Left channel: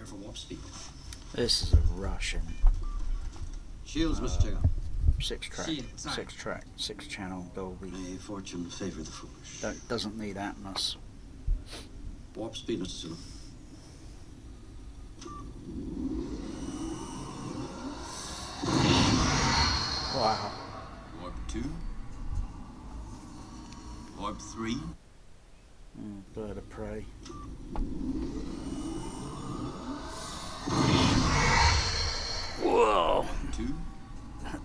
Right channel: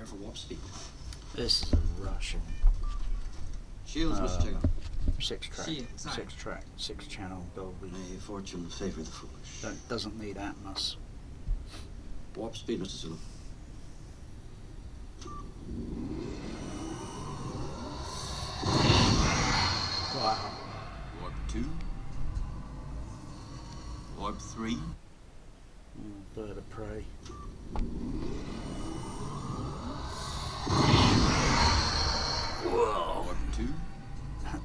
prepare for warp speed. This is a Russian. Shields, Mr. Chigga. Six channel Dolby. May fortune favor the foolish. Doesn't need Atmos. Warp speed, Mr. Zulu. Wow. Warp 2. Warp 3. Bird of prey. Whoa! Warp 2.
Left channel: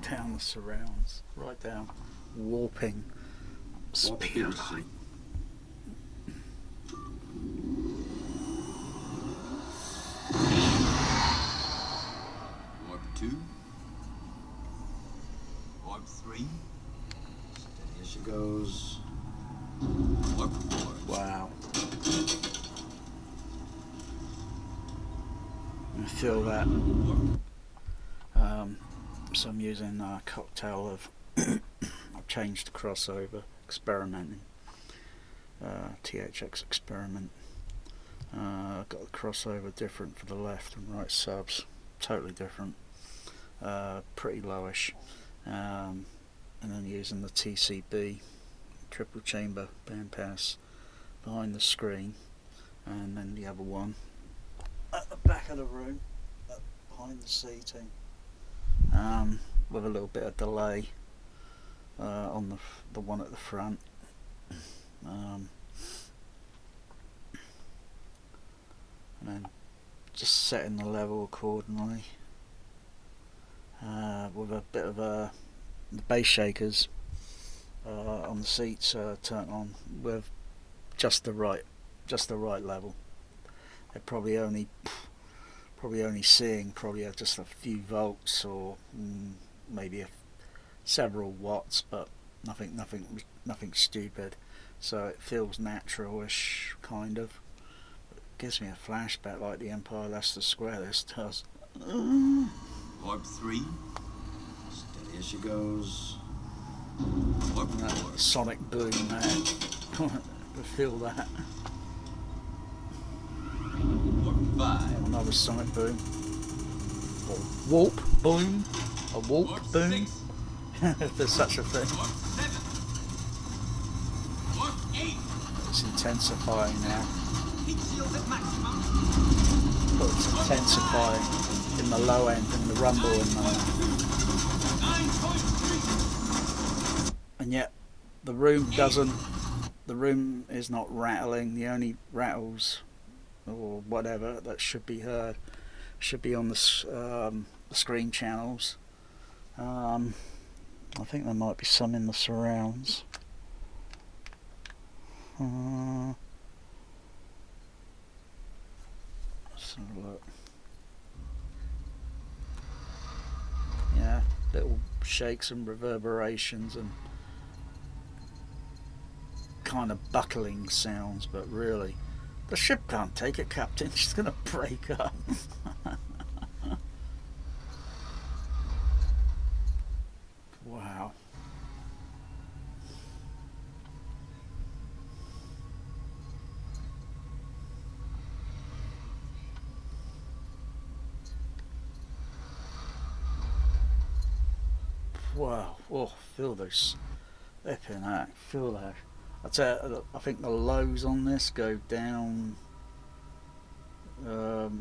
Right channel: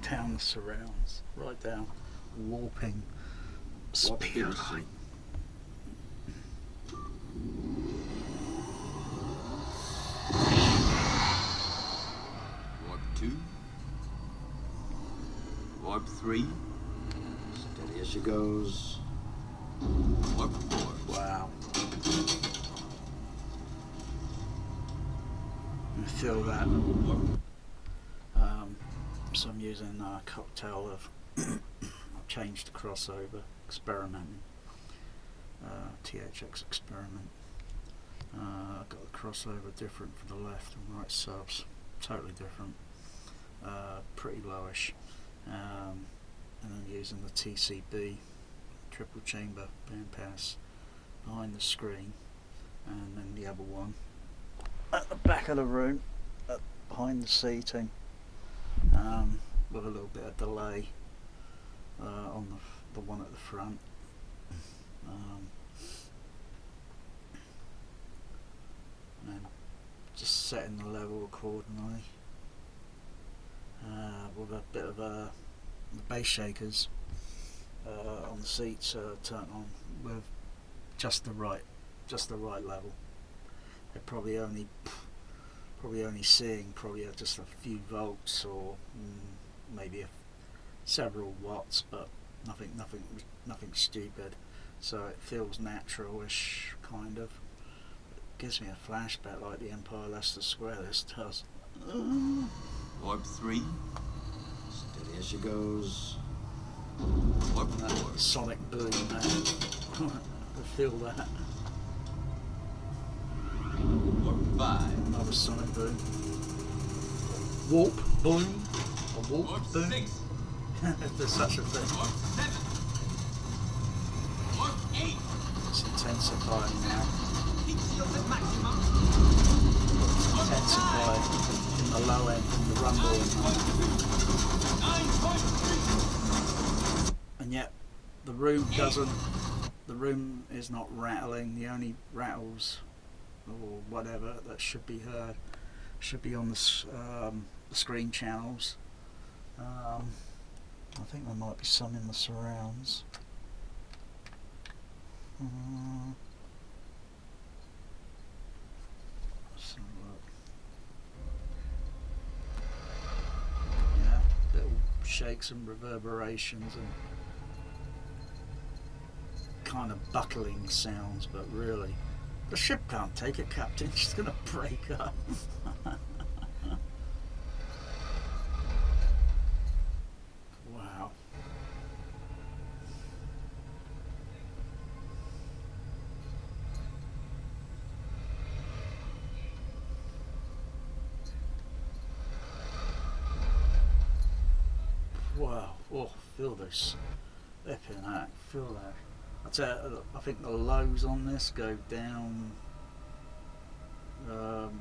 Down the surrounds. Right down. Warping. Warp speed, Speed Mr. Zulu. light. Warp 2. Warp 3. Steady as she goes. Warp 4. Wow. I feel that. So I'm using a cocktail of I've changed the crossover, experimenting. THX experiment. Got the crossover different for the left and right subs, totally different. Pretty lowish. And then using the TCB triple chamber bandpass behind the screen, and then the other one at the back of the room, behind the seating, with a little bit of delay on the one at the front. And then just setting the level accordingly, with a bit of the bass shakers on the seats turned on with just the right level. They're probably only seeing just a few volts or maybe several watts, but nothing stupid. So it feels natural-ish, kind of. It gives me a flashback like the Empire Leicester Square. This does. Warp 3. Steady as she goes. Warp That 4. sonic boom, man. I feel that. Warp 5. Another sonic boom. Or warp boom. A warp Warp boom. 6. If there's such a thing. Warp 7. Warp 8. It's intensifying now. Heat shield at maximum. But it's intensifying in the low end and the rumble and that. 9.3. And yet the room doesn't. The room is not rattling. The only rattles or whatever that should be heard should be on the screen channels. I think there might be some in the surrounds. Let's have a look. Yeah, little shakes and reverberations and kind of buckling sounds, but really, the ship can't take it, Captain. She's gonna break up. Wow. Wow. Oh, feel this. Flipping heck. Feel that. I think the lows on this go down.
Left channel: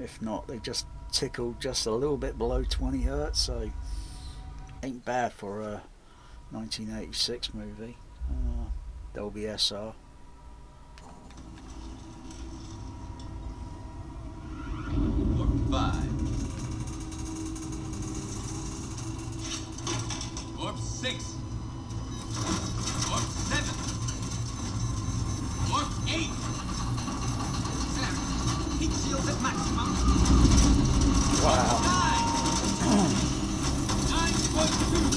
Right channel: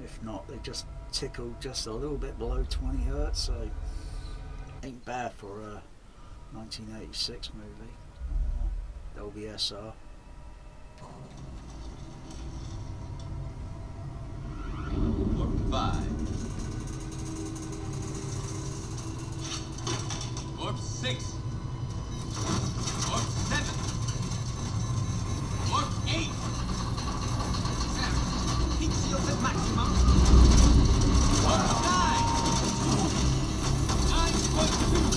If not, they just tickle just a little bit below 20 hertz. So ain't bad for a 1986 movie. Dolby SR. Warp 5. Warp 6. Warp 7. Warp 8. Heat shield at maximum. Wow. 9.2.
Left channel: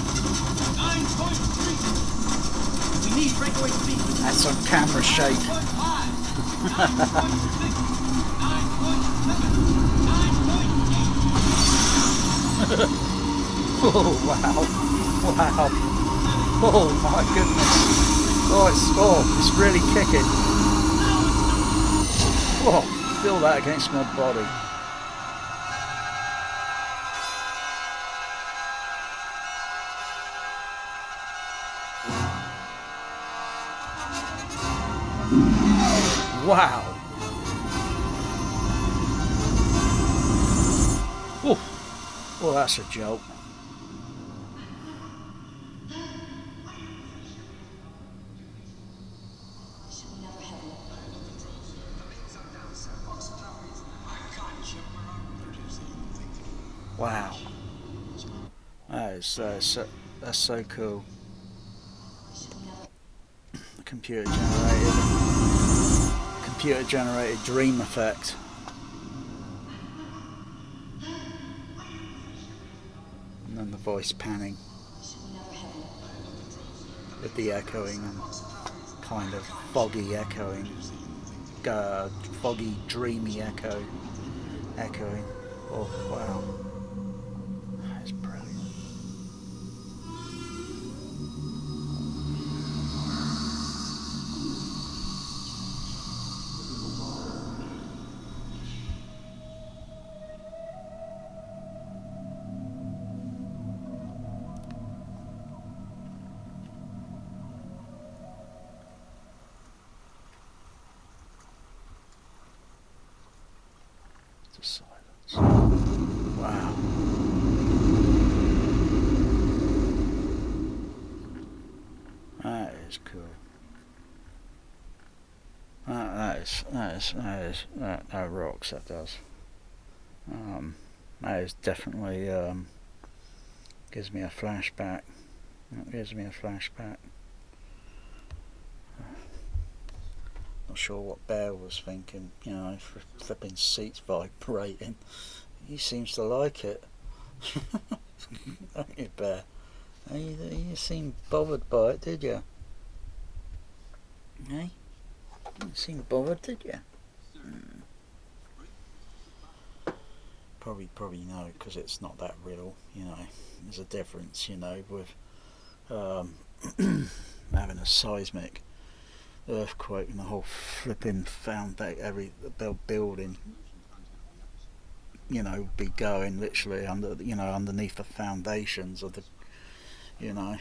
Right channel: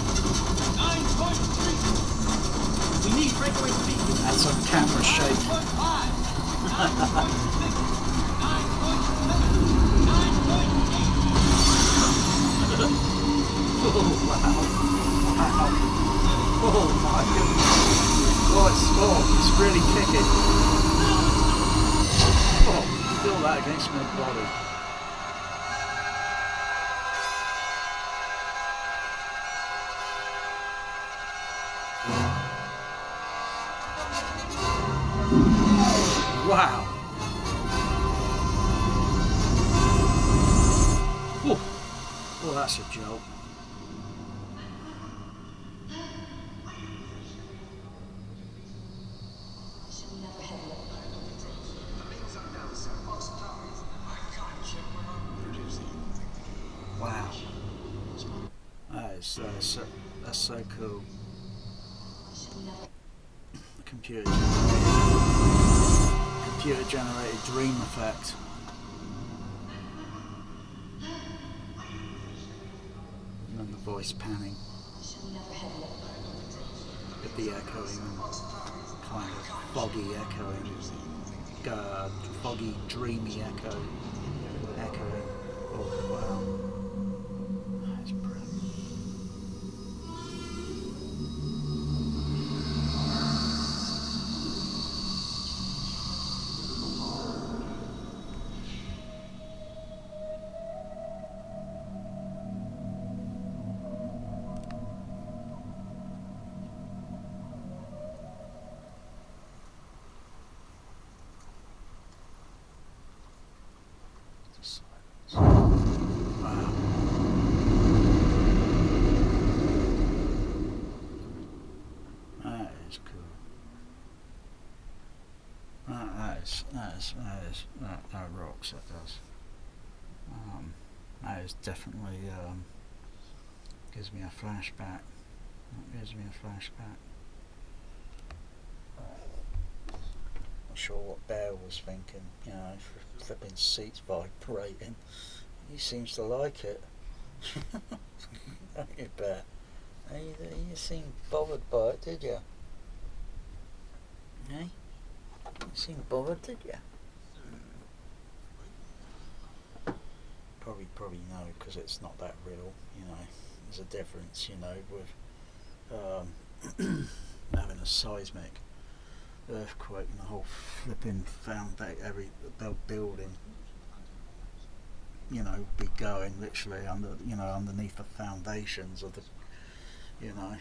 9.3. We need breakaway speed. That's on camera shake. 9.5. 9.6. 9.7. 9.8. Oh wow. Wow. Oh my goodness. It's really kicking. Oh, feel that against my body. Wow. Ooh. Well, that's a joke. Wow. That's so cool. Computer generated dream effect. And then the voice panning with the echoing and kind of foggy echoing, foggy dreamy echoing. Oh wow, that's brilliant. Just silence. Wow. That is cool. That rocks. That does. That is definitely gives me a flashback. It gives me a flashback. Not sure what Bear was thinking. You know, for flipping seats vibrating. He seems to like it. Don't you, Bear? You seemed bothered by it, did you? Hey? You seemed bothered, did you? Probably no, because it's not that real. You know, there's a difference. You know, with having a seismic earthquake and the whole flipping every building, you know, be going literally underneath the foundations of the, you know,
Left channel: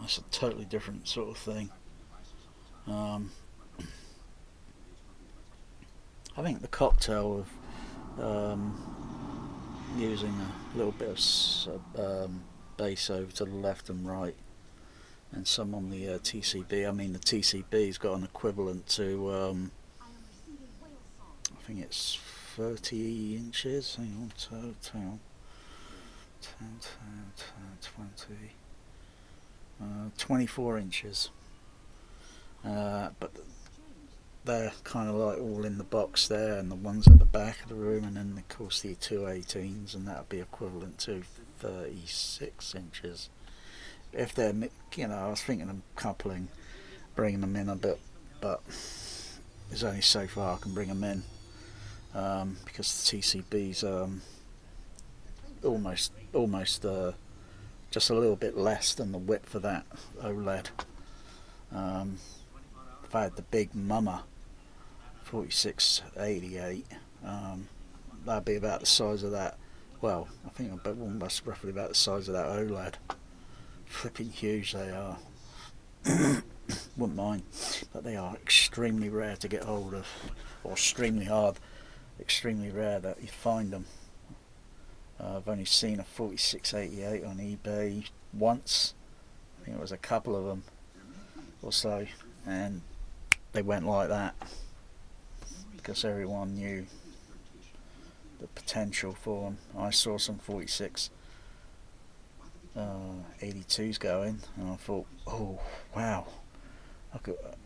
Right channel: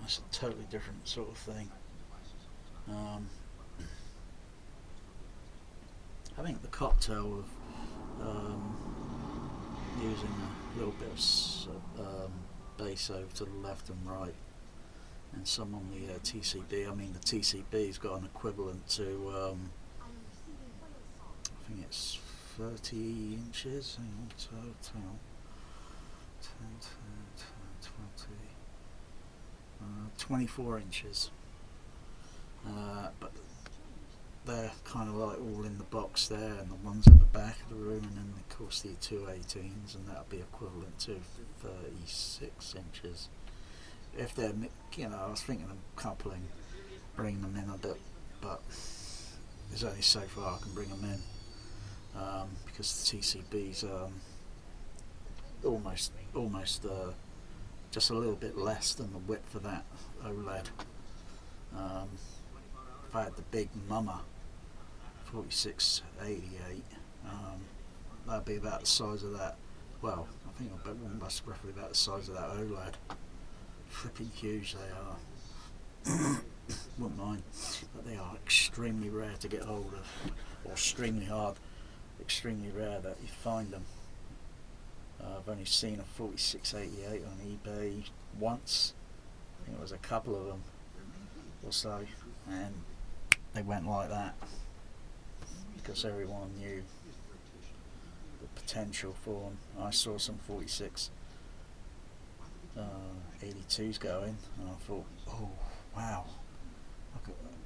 that's a totally different sort of thing. I think the cocktail of using a little bit of bass over to the left and right, and some on the TCB. I mean, the TCB's got an equivalent to, I think it's 30 inches. Hang on, total 24 inches. But they're kind of like all in the box there, and the ones at the back of the room, and then of course the 218s, and that would be equivalent to 36 inches. If they're, you know, I was thinking of coupling, bringing them in a bit, but there's only so far I can bring them in, because the TCB's almost just a little bit less than the width of that OLED. If I had the big Mama 4688, that'd be about the size of that. Well, I think that's roughly about the size of that OLED. Flipping huge they are. Wouldn't mind, but they are extremely rare to get hold of, or extremely rare that you find them. I've only seen a 4688 on eBay once. I think it was a couple of them or so, and they went like that because everyone knew the potential for them. I saw some 82s going, and I thought, oh wow.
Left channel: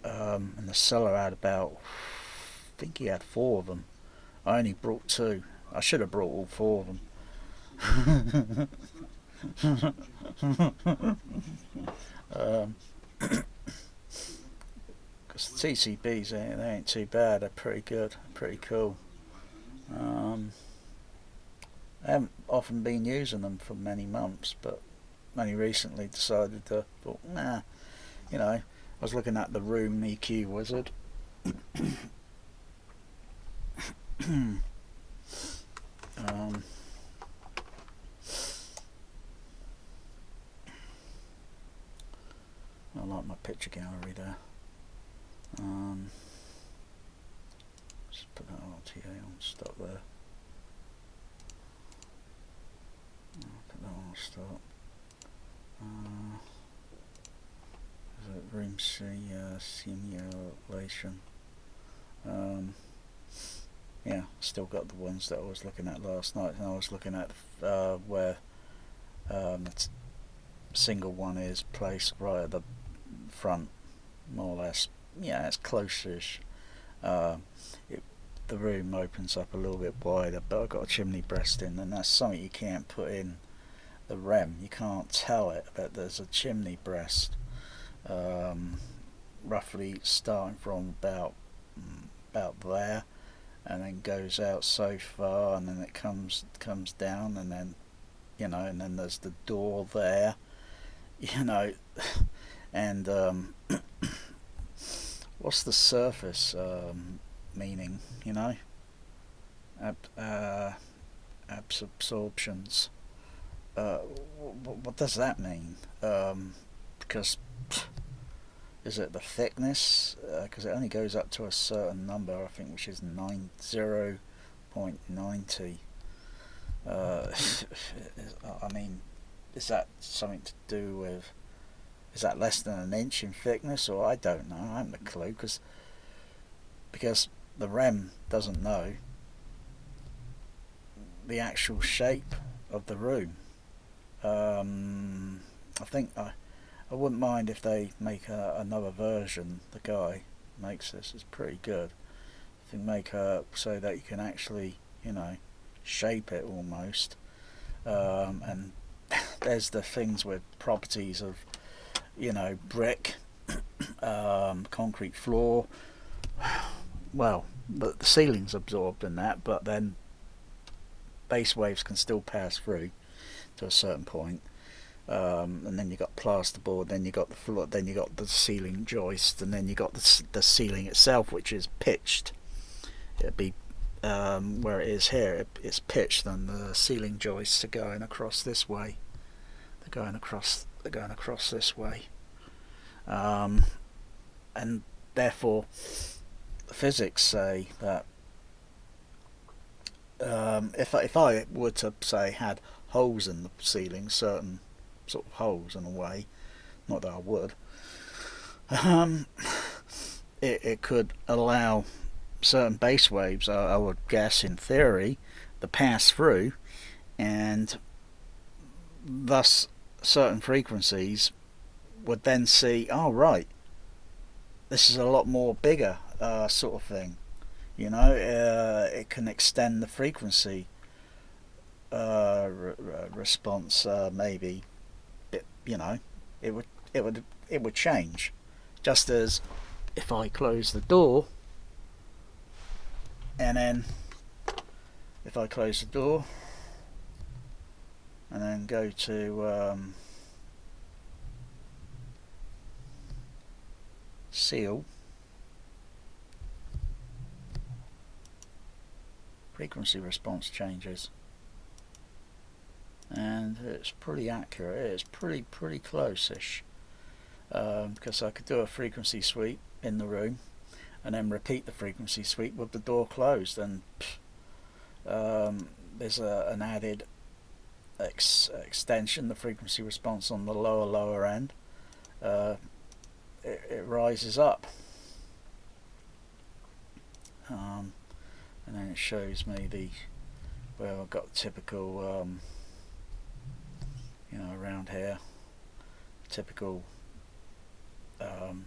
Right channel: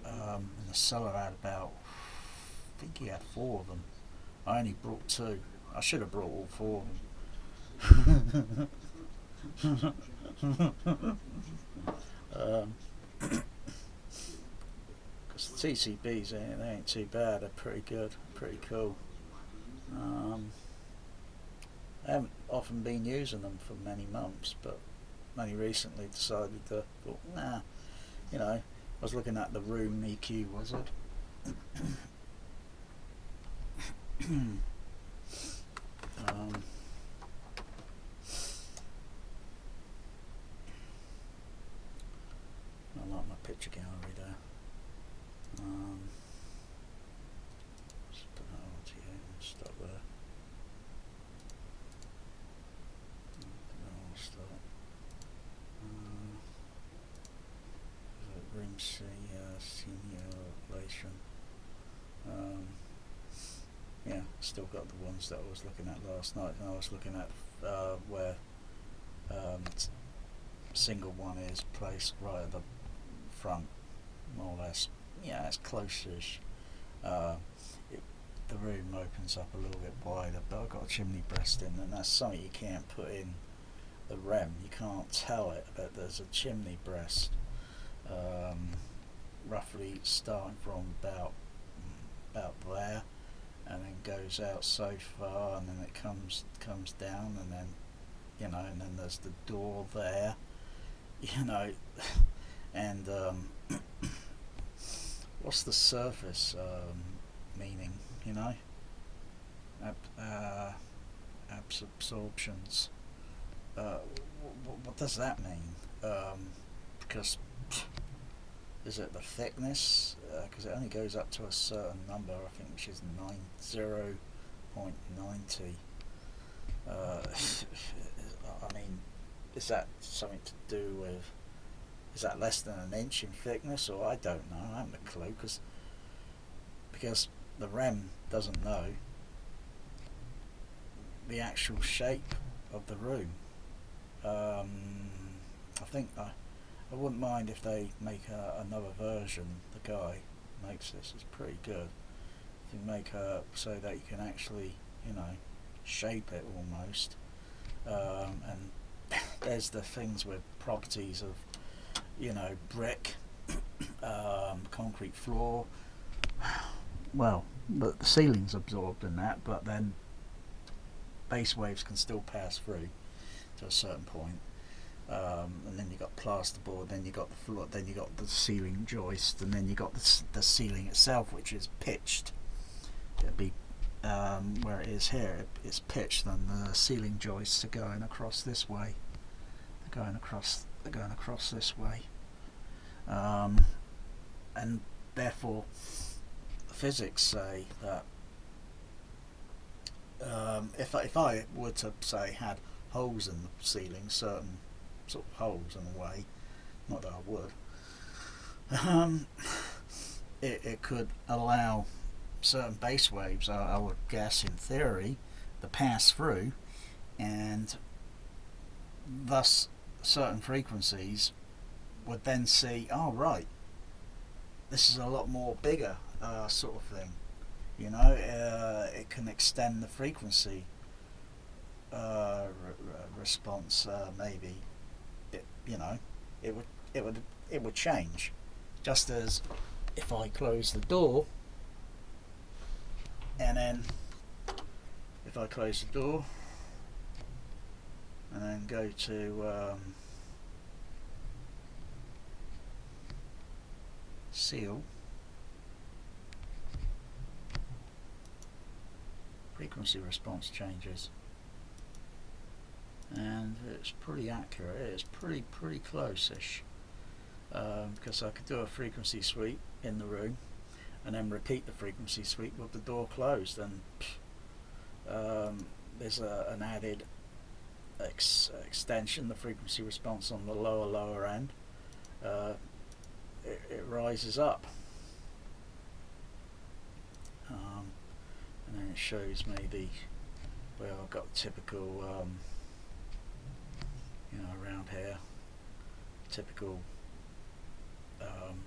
And the seller had about, I think he had 4 of them. I only brought 2. I should have brought all 4 of them. Because the TCBs, they ain't too bad. They're pretty good, pretty cool. I haven't often been using them for many months, but only recently decided to, thought, nah, you know, I was looking at the Room EQ Wizard. I like my picture gallery there. simulation. Yeah, still got the ones that I was looking at last night, and I was looking at where single one is placed right at the front, more or less. Yeah, it's close-ish. The room opens up a little bit wider, but I've got a chimney breast in, and that's something you can't put in the REM. You can't tell it that there's a chimney breast, roughly starting from about there, and then goes out so far, and then it comes down, and then and then there's the door there, and what's the surface meaning? Absorptions. What does that mean? Because is it the thickness? Because it only goes up to a certain number, I think, which is 0.90. I mean, is that something to do with? Is that less than an inch in thickness, or I don't know? I haven't a clue, because the REM doesn't know the actual shape of the room. I think I wouldn't mind if they make another version. The guy makes this. It's pretty good. I think make her so that you can actually, shape it almost. And there's the things with properties of, brick, concrete floor. Well, the ceiling's absorbed in that, but then bass waves can still pass through to a certain point. And then you got plasterboard, then you got the floor, then you got the ceiling joist, and then you got the ceiling itself, which is pitched. It'd be where it is here. It's pitched, and the ceiling joists are going across this way. They're going across this way, and therefore, the physics say that if I were to say had holes in the ceiling, certain sort of holes in a way, not that I would, it could allow certain bass waves, I would guess in theory, to pass through, and thus certain frequencies would then see, oh right, this is a lot more bigger sort of thing. It can extend the frequency response, maybe. It would change, just as if I close the door, and then if I close the door and then go to seal, frequency response changes, and it's pretty accurate. It's pretty close-ish, because I could do a frequency sweep in the room and then repeat the frequency sweep with the door closed, and there's an added extension, the frequency response on the lower end. It rises up, and then it shows me I've got typical around here, typical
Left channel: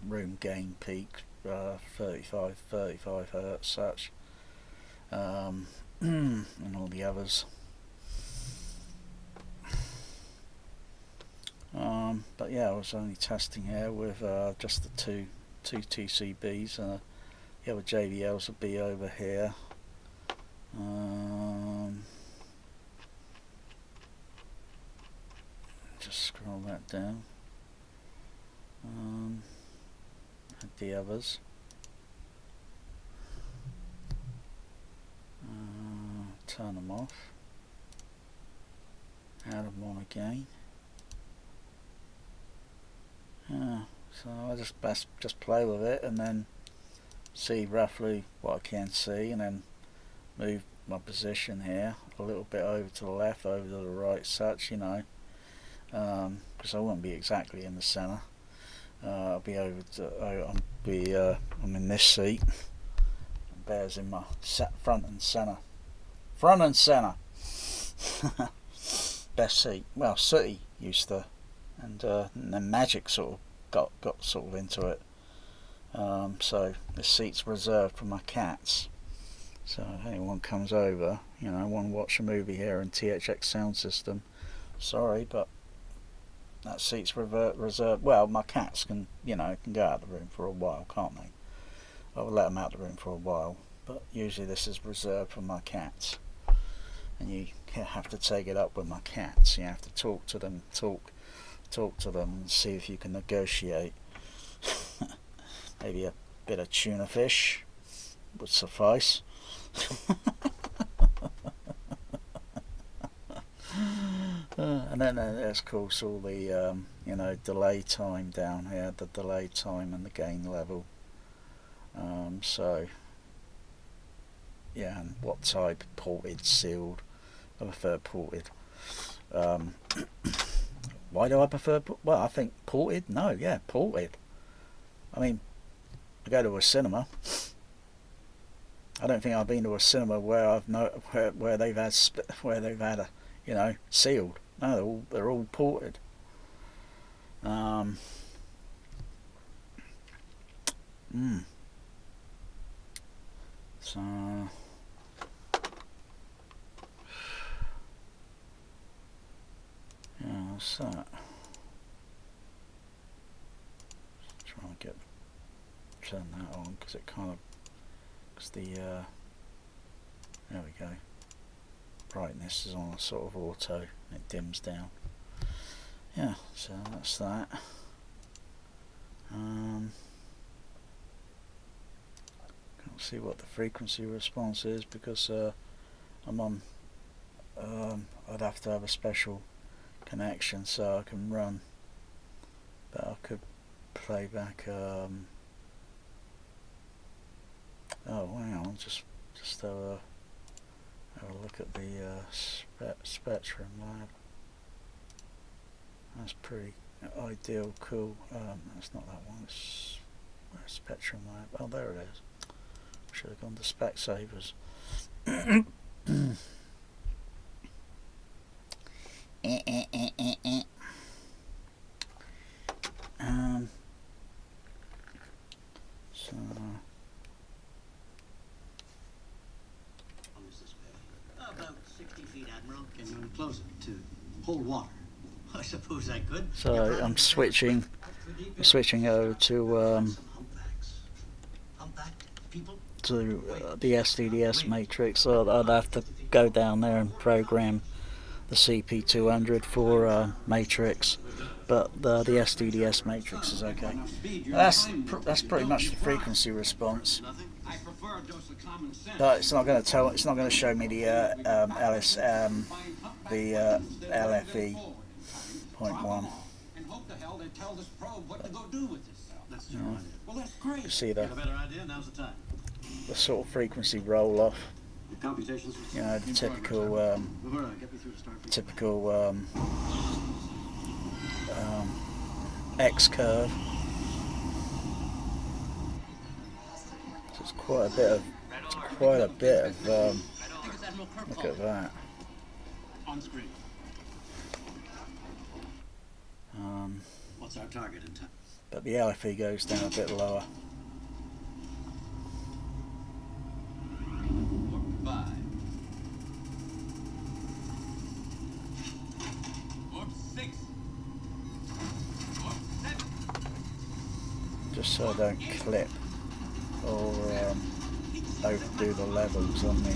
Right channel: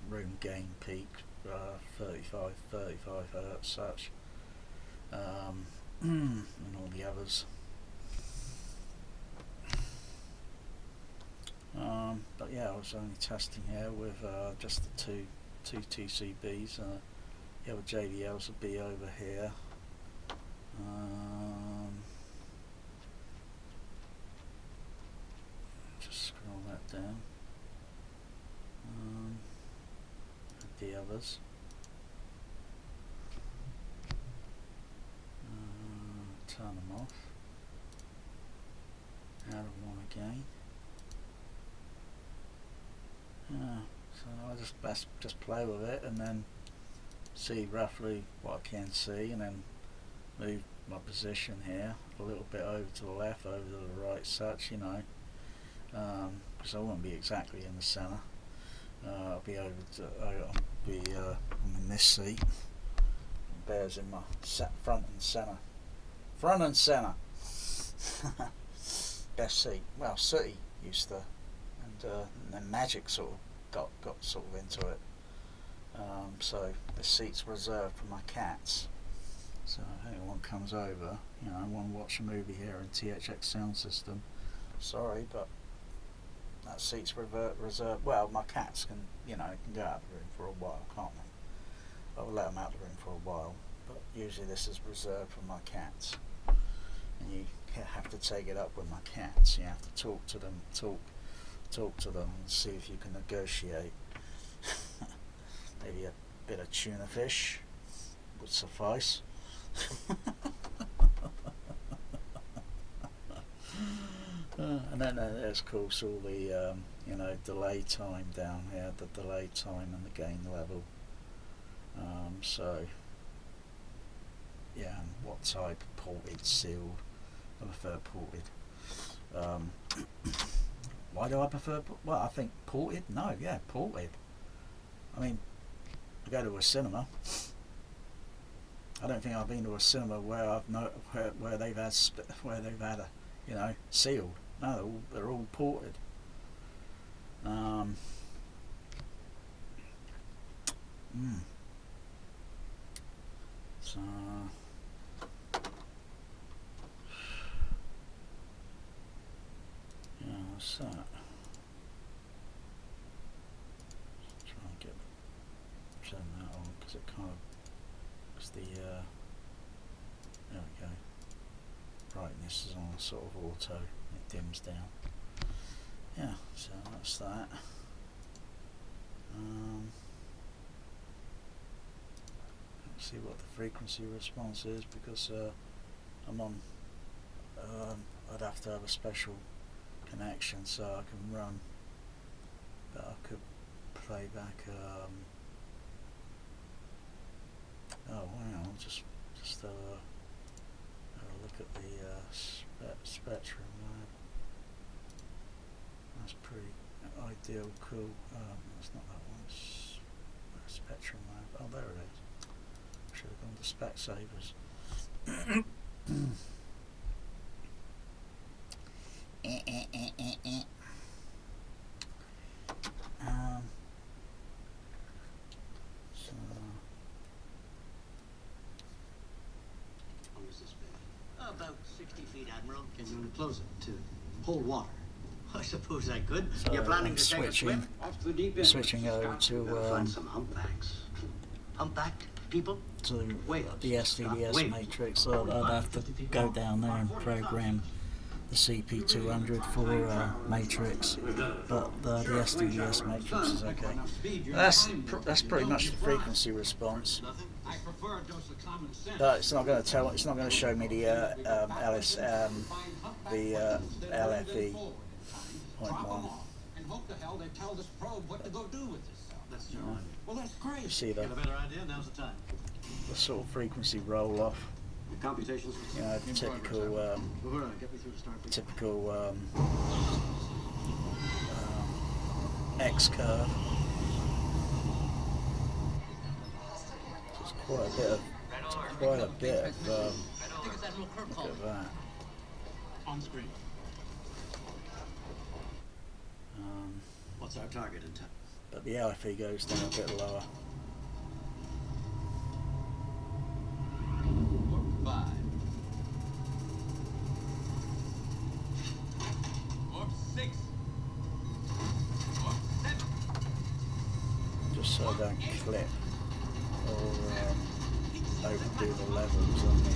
room gain peak, 35 hertz such, and all the others. But yeah, I was only testing here with just the two TCBs. The other JBLs will be over here. Just scroll that down. The others. Turn them off. Add them on again. So I just play with it and then see roughly what I can see, and then move my position here a little bit over to the left, over to the right, such, because I won't be exactly in the center. I'll be over to, I'm in this seat. Bear's in my front and centre. Front and centre. Best seat. Well, Sooty used to, and then Magic sort of got sort of into it. So this seat's reserved for my cats. So if anyone comes over, you know, want to watch a movie here in THX sound system, sorry, but that seat's reserved. Well, my cats can, you know, can go out of the room for a while, can't they? I'll let them out of the room for a while, but usually this is reserved for my cats. And you have to take it up with my cats. You have to talk to them, talk to them, and see if you can negotiate. Maybe a bit of tuna fish would suffice. And then there's of course all the you know, delay time down here, the delay time and the gain level. So yeah, and what type, ported, sealed. I prefer ported. Why do I prefer? Well, I think ported. No, yeah, ported. I mean, I go to a cinema. I don't think I've been to a cinema where where they've had a, you know, sealed. No, they're all ported. So yeah, that's that. Try and turn that on because it kind of, because the there we go. Brightness is on a sort of auto. It dims down. Yeah, so that's that. Can't see what the frequency response is because I'm on. I'd have to have a special connection so I can run, but I could play back. Oh wow! Just have a look at the Spectrum Lab. That's pretty ideal, cool. That's not that one. It's Spectrum Lab. Oh, there it is. Should have gone to Specsavers. So. How long is this bed? About 60 feet, Admiral. Can you enclose it to hold water? I suppose I could. So You're planning I'm to take a switching. trip? Off the deep end. Switching over to Find some humpbacks. Humpbacked people? the SDDS matrix. So I'd have to go down there and program the CP200 for matrix, but the SDDS matrix is okay. That's pretty much the frequency response. I prefer a dose of common sense. But it's not going to tell. It's not going to show me the LFE 0.1. And hope to hell they tell this probe what to go do with this cell. That's Yeah. your idea. Well, that's great. You see the Got a better idea? Now's the time. sort of frequency roll off. Your computations. You know, the typical Get me through to Starfleet. typical X curve. So it's quite a bit of look at that. On screen. What's our target in time? But the LFE goes down a bit lower. Warp 5. Warp 6. Warp 7. Just so I don't clip or overdo the levels on the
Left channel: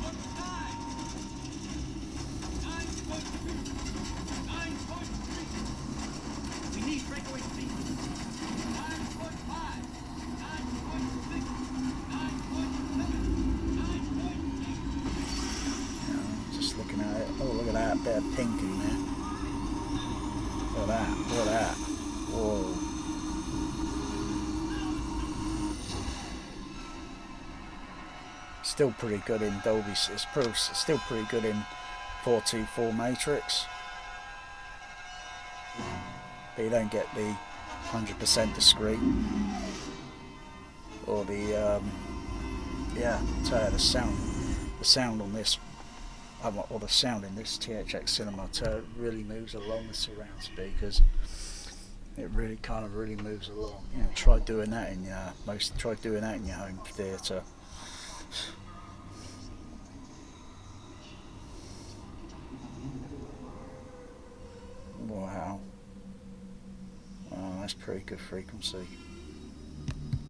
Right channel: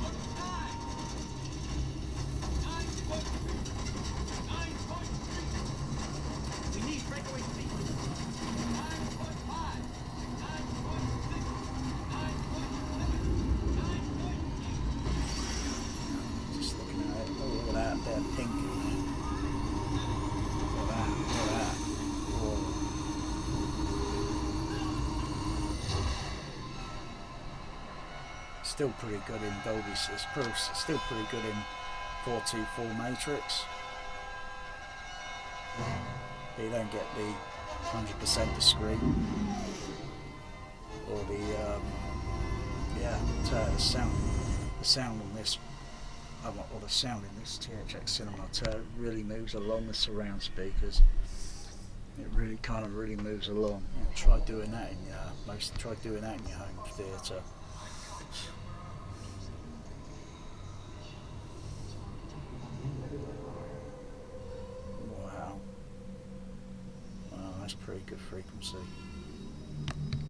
Warp 9. 9.3. We need breakaway speed. 9.5. 9.6. 9.7. just looking at it. Oh, look at that bit of pink in there. Look at that, look at that. Whoa. Still pretty good in Dolby. It's still pretty good in 424 matrix. But you don't get the 100% discreet. Or the yeah, tell you, the sound on this, or the sound in this THX Cinema, it really moves along the surround speakers. It really kind of really moves along. You know, try doing that in your home theatre. Wow. Wow, that's pretty good frequency.